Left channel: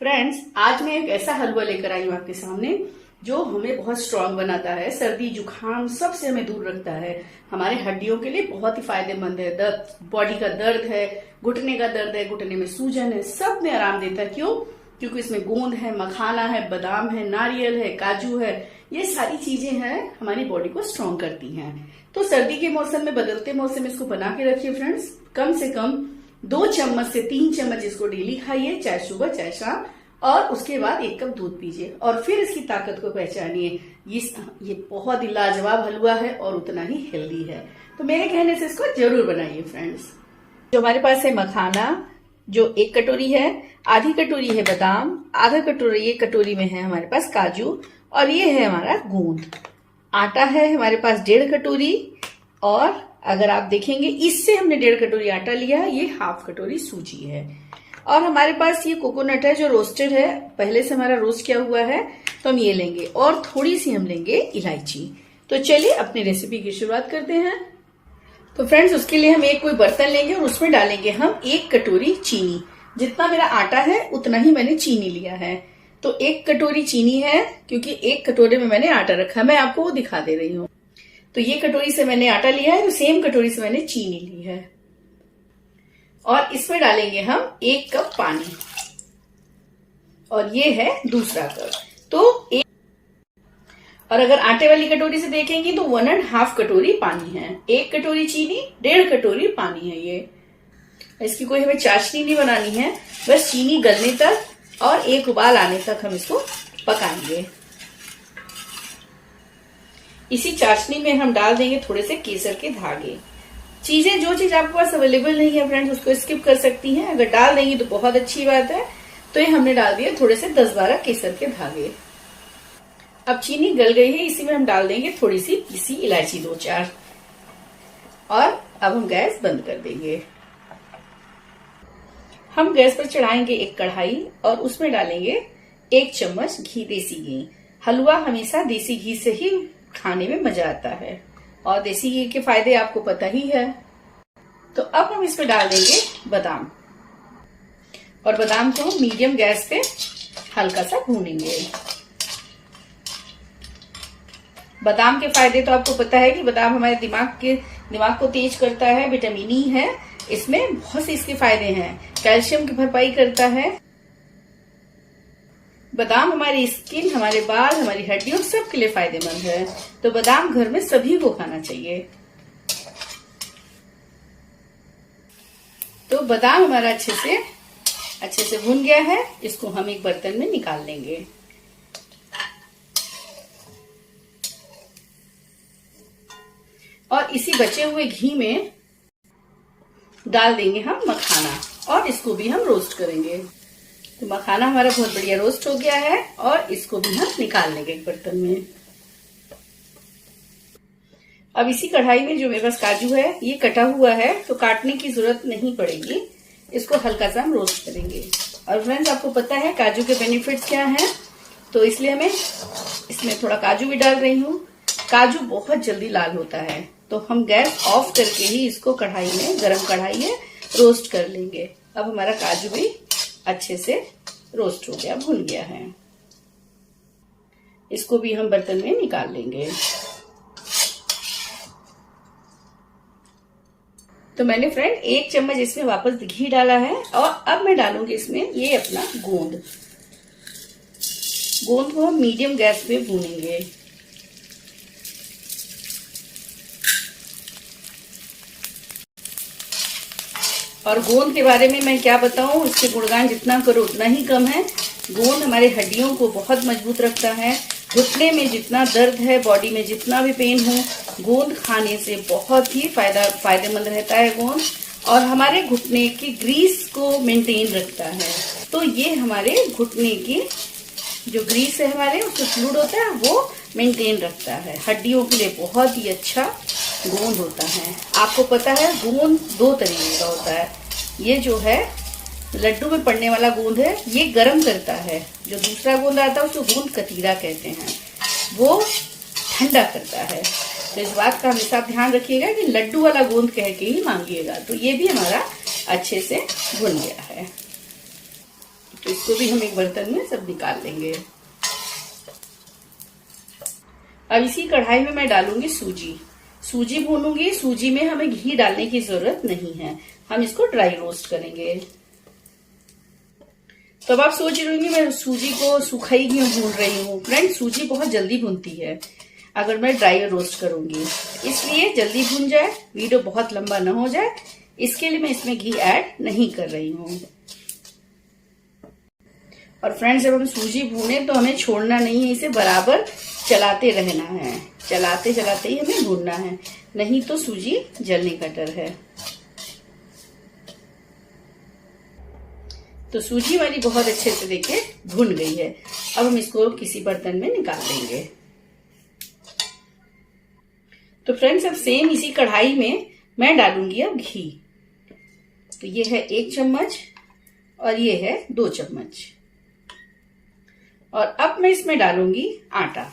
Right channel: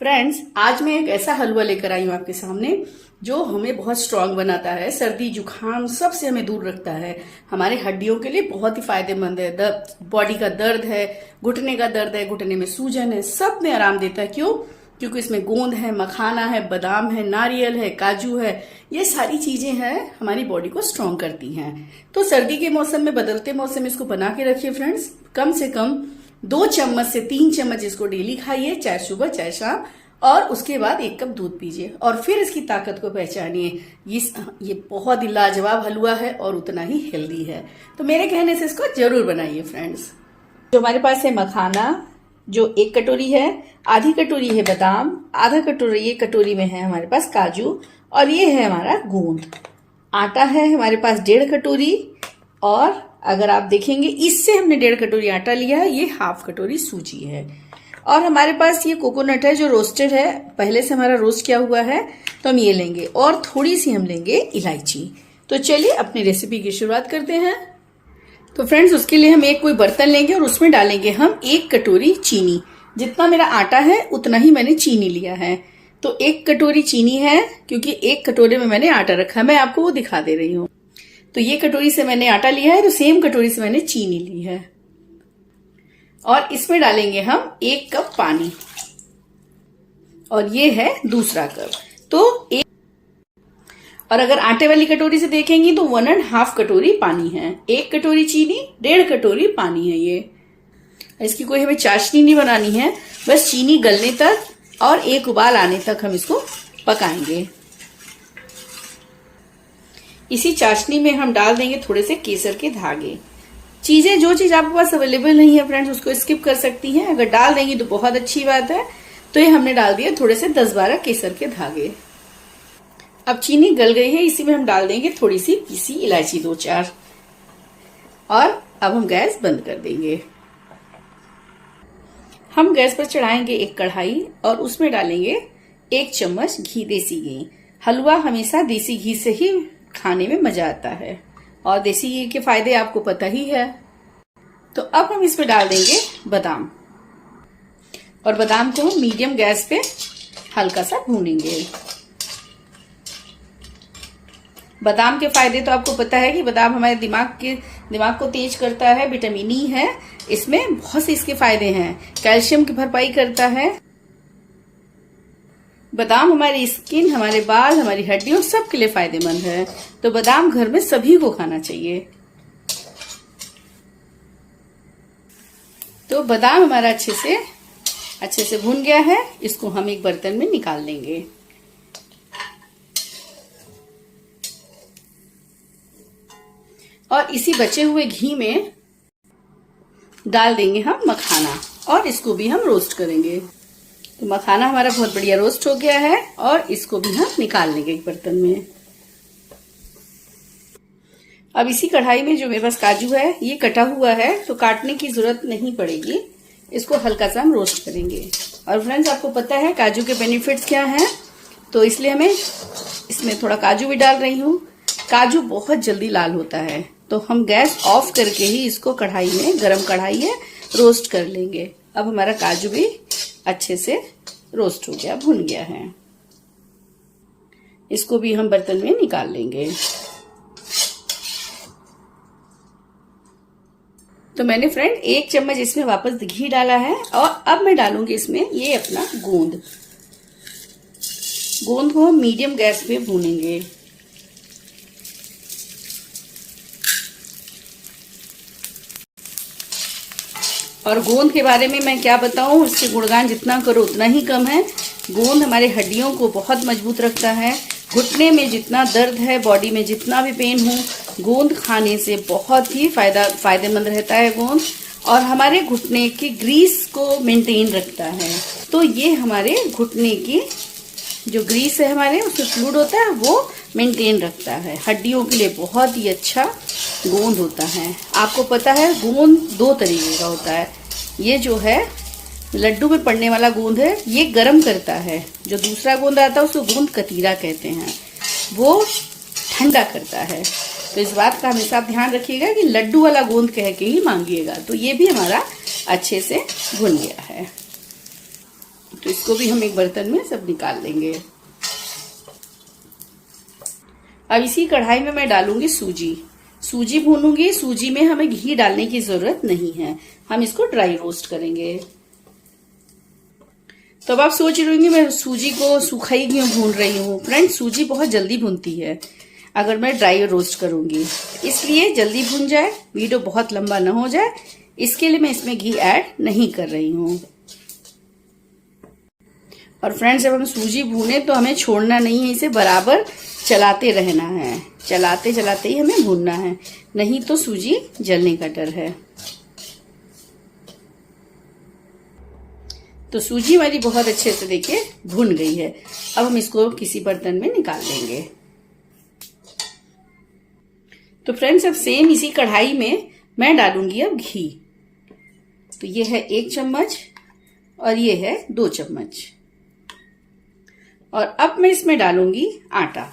Friends, आज मैं एक ऐसा हलवा लेकर आई हूँ आपके सामने जो हमें बहुत स्ट्रांग बनाता है। सर्दी जुकाम सबसे हमें दूर रखता है। हमारे हड्डियों के लिए बहुत ही फायदेमंद है। बॉडी का दर्द है, घुटने का दर्द है, घुटने में सूजन है, सब में आराम देता है। क्यों? क्योंकि इसमें गोंद है, मखाना है, बादाम है, नारियल है, काजू है। ये सारी चीजें हैं, हमारी बॉडी को स्ट्रांग करती हैं। तो सर्दी के मौसम में, बदलते मौसम में इसको बना के रखिए फ्रेंड्स। कम से कम 2 चम्मच से 3 चम्मच इसको डेली खाइए, चाहे सुबह चाहे शाम। और उसके बाद 1 कप दूध पीजिए और फिर इसकी ताकत को पहचानिए। ये बहुत ही लाजवाब हलवा है और उतना ही हेल्दी है। तो मेरे कहने से इसको जरूर बनाइए फ्रेंड्स। जो हमारे पास है मखाना, जो 1 कटोरी है, आधी कटोरी है बादाम, आधा कटोरी, 1 कटोरी में है हमारे पास काजू, और ये है हमारा गोंद। आटा है हमारे पास 1.5 कटोरी, और अगर आप देखेंगे इससे हमने 1.5 कटोरी आटा लिया है, ये ½ कटोरी सूजी है। और हमारे पास ये कोकोनट है जो रोस्टेड है, पहले से हमारा रोस्ट किया हुआ है, तो हम ये लेंगे। और थोड़ी सी हम लेंगे इलायची। तो चलिए अपनी रेसिपी की शुरुआत करते हैं। तो फ्रेंड्स, उसके लिए हम एक कोई बर्तन लेंगे और उसमें डालेंगे हम 1 कटोरी चीनी। जितना मेरा आटा है उतना ही मैंने चीनी लिया है। तो 1 कटोरी चीनी है, क्योंकि 1 कटोरे में मैंने आटा रखा है, मैं आपको वो दिखा दे रही हूँ। तो ये कटोरी से मैंने आटा लिया है, तो सेम कटोरी से मैंने चीनी ली है। और इसमें डालेंगे हम 1 कप पानी, और ये है दूसरा कप। तो और अगर आटे वाली कटोरी से देखेंगे तो 1½ कटोरी पानी है। 1 कटोरी चीनी, 1.5 कटोरी पानी है ये। इसकी कोई हमें चाशनी नहीं बनानी है, बस चीनी गलने तक और 1 उबाल आने तक हम इसको पकाएंगे। इसी चाशनी में हम डाल देंगे थोड़े से केसर के धागे। जो चीज आपके पास अवेलेबल नहीं है फ्रेंड्स, उसको स्किप कर सकती हैं। अगर डाल देंगी तो बहुत अच्छी बात है। तो ये हमने डाल दिया थोड़े से 10-12 केसर के धागे। अब चीनी गल गई है, इसी में हम डाल देंगे थोड़ी सी पीसी इलायची 2-4। और अब हम गैस बंद कर देंगे। हम गैस पर चढ़ाएंगे एक कढ़ाई और उसमें डालेंगे 1 चम्मच घी, देसी घी। हलवा हमेशा देसी घी से ही खाने में मजा आता है, और देसी घी के फायदे आपको पता ही है। तो अब हम इसमें डाल देंगे बादाम, और बादाम को मीडियम गैस पे हल्का सा भूनेंगे। बादाम के फायदे तो आपको पता है कि बादाम हमारे दिमाग को तेज करता है, विटामिन ई है इसमें, बहुत से इसके फायदे हैं। कैल्शियम की भरपाई करता है। बादाम हमारी स्किन, हमारे बाल, हमारी हड्डियों सब के लिए फायदेमंद है। तो बादाम घर में सभी को खाना चाहिए। तो बादाम हमारा अच्छे से भुन गया है। इसको हम एक बर्तन में निकाल लेंगे। और इसी बचे हुए घी में डाल देंगे हम मखाना, और इसको भी हम रोस्ट करेंगे। तो मखाना हमारा बहुत बढ़िया रोस्ट हो गया है, और इसको भी हम निकाल लेंगे एक बर्तन में। अब इसी कढ़ाई में जो मेरे पास काजू है, ये कटा हुआ है, तो काटने की जरूरत नहीं पड़ेगी। इसको हल्का सा हम रोस्ट करेंगे। और फ्रेंड्स, आपको पता है काजू के बेनिफिट्स क्या हैं, तो इसलिए हमें इसमें थोड़ा काजू भी डाल रही हूँ। काजू बहुत जल्दी लाल होता है, तो हम गैस ऑफ करके ही इसको कढ़ाई में, गरम कढ़ाई में रोस्ट कर लेंगे। अब हमारा काजू भी अच्छे से रोस्ट हो गया, भुन गया है। इसको भी हम बर्तन में निकाल लेंगे। तो मैंने फ्रेंड 1 चम्मच इसमें वापस घी डाला है, और अब मैं डालूंगी इसमें ये अपना गोंद को हम मीडियम गैस पे भूनेंगे। और गोंद के बारे में मैं क्या बताऊं, इसके गुणगान जितना करो उतना ही कम है। गोंद हमारे हड्डियों को बहुत मजबूत रखता है। घुटने में जितना दर्द है, बॉडी में जितना भी पेन हो, गोंद खाने से बहुत ही फायदेमंद रहता है गोंद। और हमारे घुटने की ग्रीस को मेंटेन रखता है। तो ये हमारे घुटने की जो ग्रीस है, हमारे उसमें फ्लूइड होता है, वो मेंटेन रखता है। हड्डियों के लिए बहुत ही अच्छा गोंद होता है। आपको पता है गोंद 2 तरीके का होता है। ये जो है लड्डू में पड़ने वाला गोंद है, ये गर्म करता है। जो दूसरा गोंद आता है उसको गोंद कतीरा कहते हैं, वो ठंडा करता है। तो इस बात का हमेशा ध्यान रखिएगा कि लड्डू वाला गोंद कह के ही मांगिएगा। तो ये भी हमारा अच्छे से भुन गया है। तो इसको भी हम एक बर्तन में सब निकाल लेंगे। अब इसी कढ़ाई में मैं डालूंगी सूजी भूनूंगी। सूजी में हमें घी डालने की जरूरत नहीं है, हम इसको ड्राई रोस्ट करेंगे। तो अब आप सोच रही होंगी मैं सूजी को सूखा ही क्यों भून रही हूँ। फ्रेंड्स, सूजी बहुत जल्दी भूनती है अगर मैं ड्राई रोस्ट करूंगी, इसलिए जल्दी भून जाए, वीडियो बहुत लंबा न हो जाए, इसके लिए मैं इसमें घी ऐड नहीं कर रही हूँ। और फ्रेंड्स, जब हम सूजी भूने तो हमें छोड़ना नहीं है, इसे बराबर चलाते रहना है, चलाते चलाते ही हमें भूनना है, नहीं तो सूजी जलने का डर है। तो सूजी वाली बहुत अच्छे से देखिए भुन गई है। अब हम इसको किसी बर्तन में निकाल लेंगे। तो फ्रेंड्स, अब सेम इसी कढ़ाई में मैं डालूंगी अब घी। तो ये है 1 चम्मच और ये है 2 चम्मच। और अब मैं इसमें डालूंगी आटा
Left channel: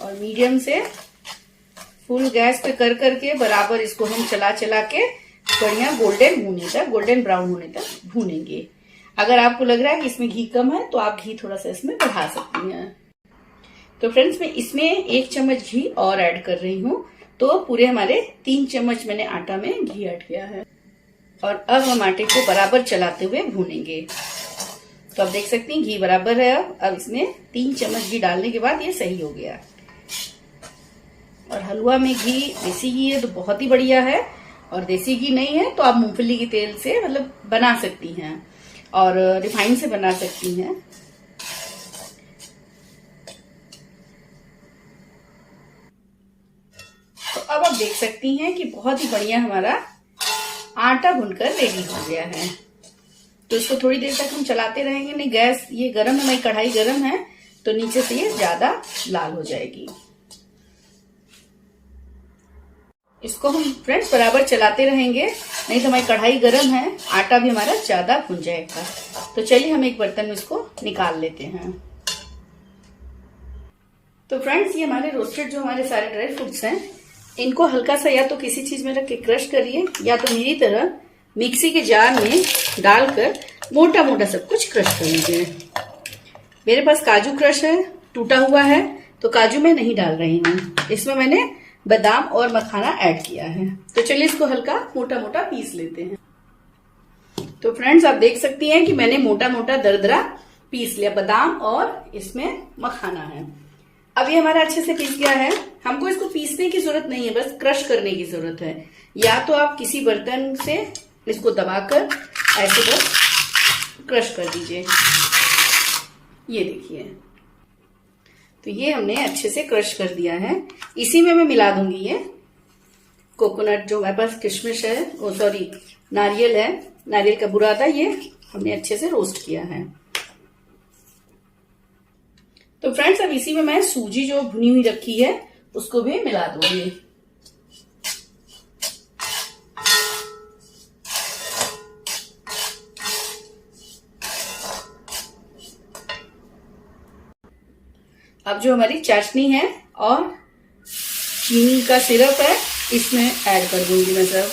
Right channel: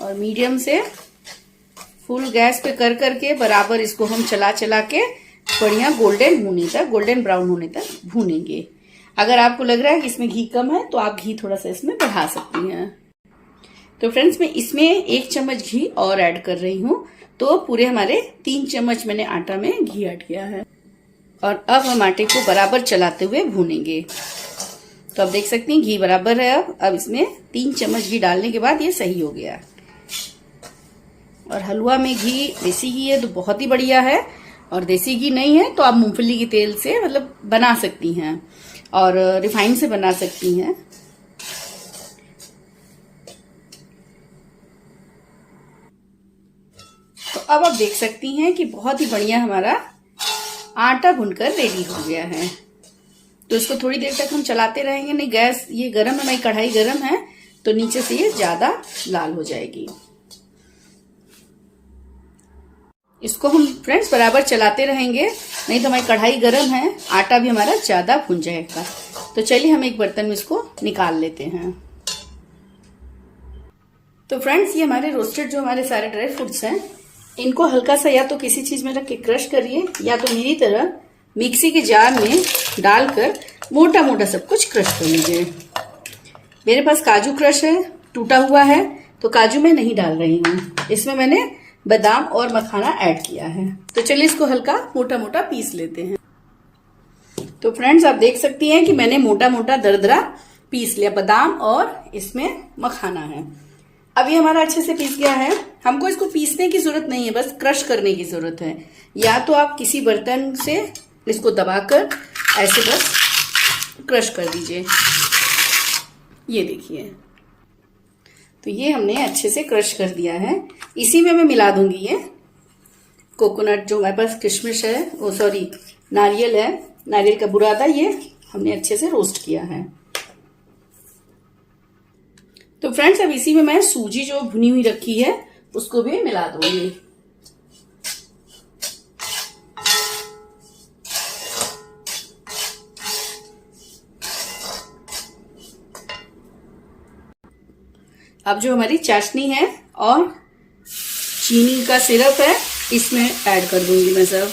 और मीडियम से फुल गैस पे कर करके बराबर इसको हम चला चला के बढ़िया गोल्डन ब्राउन होने तक भूनेंगे। अगर आपको लग रहा है कि इसमें घी कम है तो आप घी थोड़ा सा इसमें बढ़ा सकती हैं। तो फ्रेंड्स, मैं इसमें 1 चम्मच घी और ऐड कर रही हूँ, तो पूरे हमारे 3 चम्मच मैंने आटा में घी ऐड किया है। और अब हम आटे को बराबर चलाते हुए भूनेंगे। तो आप देख सकती हैं घी बराबर है। अब इसमें 3 चम्मच घी डालने के बाद ये सही हो गया। और हलवा में घी देसी घी है तो बहुत ही बढ़िया है, और देसी घी नहीं है तो आप मूंगफली के तेल से मतलब बना सकती हैं और रिफाइन से बना सकती हैं। तो अब आप देख सकती हैं कि बहुत ही बढ़िया हमारा आटा भुनकर रेडी हो गया है। तो इसको थोड़ी देर तक हम चलाते रहेंगे, नहीं गैस ये गर्म है, मेरी कढ़ाई गर्म है तो नीचे से ये ज्यादा लाल हो जाएगी। इसको हम फ्रेंड्स बराबर चलाते रहेंगे, नहीं तो हमारी कढ़ाई गर्म है, आटा भी हमारा ज्यादा भुन जाएगा। तो चलिए हम एक बर्तन में इसको निकाल लेते हैं। तो फ्रेंड्स, ये हमारे रोस्टेड जो हमारे सारे ड्राई फ्रूट्स हैं, इनको हल्का सा या तो किसी चीज में रख के क्रश करिए, या तो मेरी तरह मिक्सी के जार में डालकर मोटा मोटा सब कुछ क्रश कर लीजिए। मेरे पास काजू क्रश है, टूटा हुआ है, तो काजू मैं नहीं डाल रही हूँ, इसमें मैंने बादाम और मखाना ऐड किया है। तो चलिए इसको हल्का मोटा मोटा पीस लेते हैं। तो फ्रेंड्स, आप देख सकती हैं कि मैंने मोटा मोटा दरदरा पीस लिया, बादाम और इसमें मखाना है। अब ये हमारा अच्छे से पीस गया है। हमको इसको पीसने की जरूरत नहीं है, बस क्रश करने की जरूरत है। या तो आप किसी बर्तन से इसको दबाकर ऐसे बस क्रश कर दीजिए। ये देखिए, तो ये हमने अच्छे से क्रश कर दिया है। इसी में मैं मिला दूंगी ये कोकोनट, जो हमारे पास किशमिश है, वो सॉरी नारियल है, नारियल का बुरादा, ये हमने अच्छे से रोस्ट किया है। तो फ्रेंड्स, अब इसी में मैं सूजी जो भुनी हुई रखी है उसको भी मिला दूंगी। अब जो हमारी चाशनी है और चीनी का सिरप है, इसमें ऐड कर दूंगी मैं सब।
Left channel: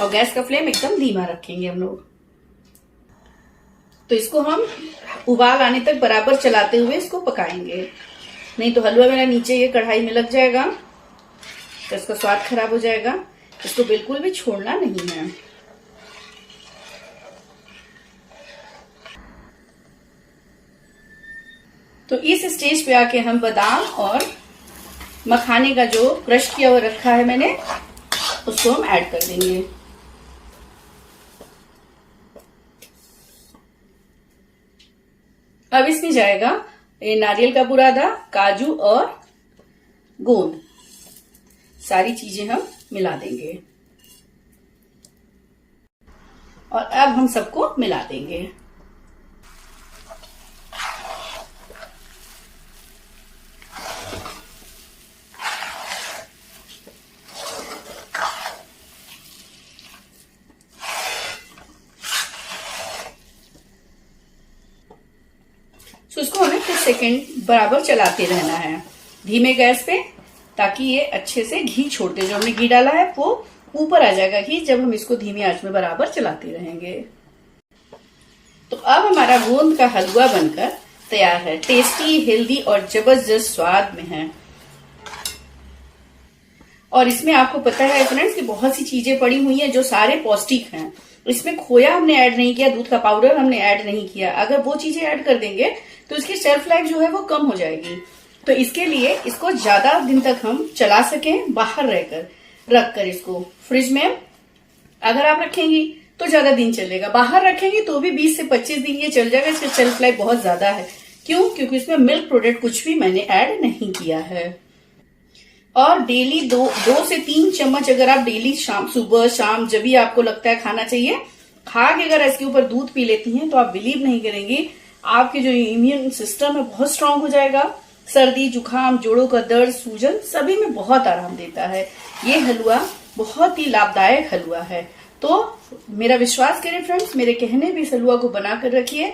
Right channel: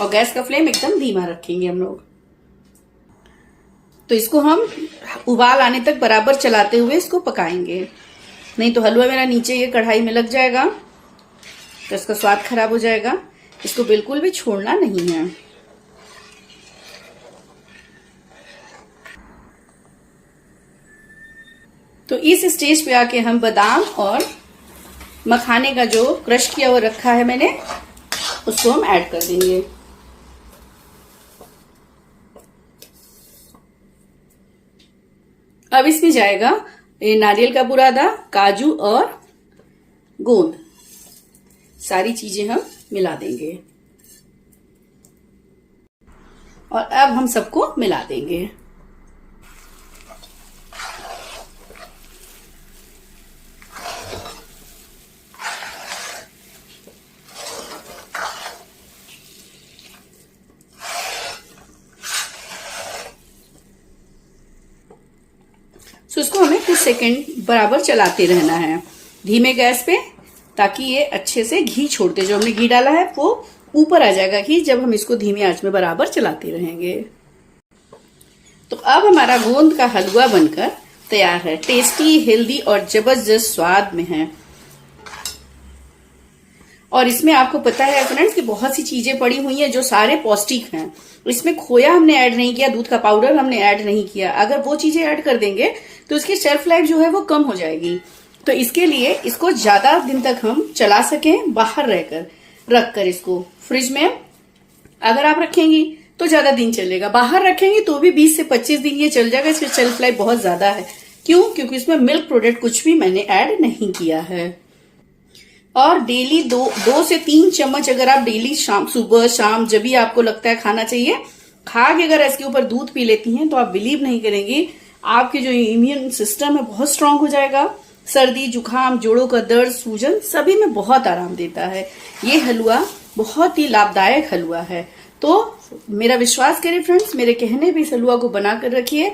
और गैस का फ्लेम एकदम धीमा रखेंगे हम लोग। तो इसको हम उबाल आने तक बराबर चलाते हुए इसको पकाएंगे, नहीं तो हलवा मेरा नीचे ये कढ़ाई में लग जाएगा तो इसका स्वाद खराब हो जाएगा। इसको बिल्कुल भी छोड़ना नहीं है। तो इस स्टेज पे आके हम बादाम और मखाने का जो क्रश किया हुआ रखा है मैंने, उसको हम ऐड कर देंगे। अब इसमें जाएगा ये नारियल का बुरादा, काजू और गोंद, सारी चीजें हम मिला देंगे और अब हम सबको मिला देंगे। तो इसको हमें 1 सेकंड बराबर चलाते रहना है धीमे गैस पे, ताकि ये अच्छे से घी छोड़ते, जो हमने घी डाला है वो ऊपर आ जाएगा घी जब हम इसको धीमी आंच में बराबर चलाते रहेंगे। तो अब हमारा गोंद का हलवा बनकर तैयार है। टेस्टी, हेल्दी और जबरदस्त स्वाद में है। और इसमें आपको पता है फ्रेंड्स कि बहुत सी चीजें पड़ी हुई हैं जो सारे पौष्टिक हैं। इसमें खोया हमने ऐड नहीं किया, दूध का पाउडर हमने ऐड नहीं किया। अगर वो चीजें ऐड कर देंगे तो इसकी शेल्फ लाइफ जो है वो कम हो जाएगी। तो इसके लिए इसको ज्यादा दिन तक हम चला सकें, बाहर रखकर इसको फ्रिज में अगर आप रखेंगी तो ज्यादा दिन चलेगा, बाहर रखेंगे तो भी 20 से 25 दिन ये चल जाएगा। इसकी शेल्फ लाइफ बहुत ज्यादा है। क्यों? क्योंकि इसमें मिल्क प्रोडक्ट कुछ भी मैंने ऐड नहीं किया है। और डेली 2 से 3 चम्मच अगर आप डेली सुबह शाम जब भी आपको लगता है खाना चाहिए, खा के अगर इसके ऊपर दूध पी लेती हैं तो आप बिलीव नहीं करेंगी, आपके जो इम्यून सिस्टम है बहुत स्ट्रांग हो जाएगा। सर्दी, जुकाम, जोड़ों का दर्द, सूजन सभी में बहुत आराम देता है। ये हलवा बहुत ही लाभदायक हलवा है। तो मेरा विश्वास करें फ्रेंड्स, मेरे कहने पे इस हलवा को बनाकर रखिए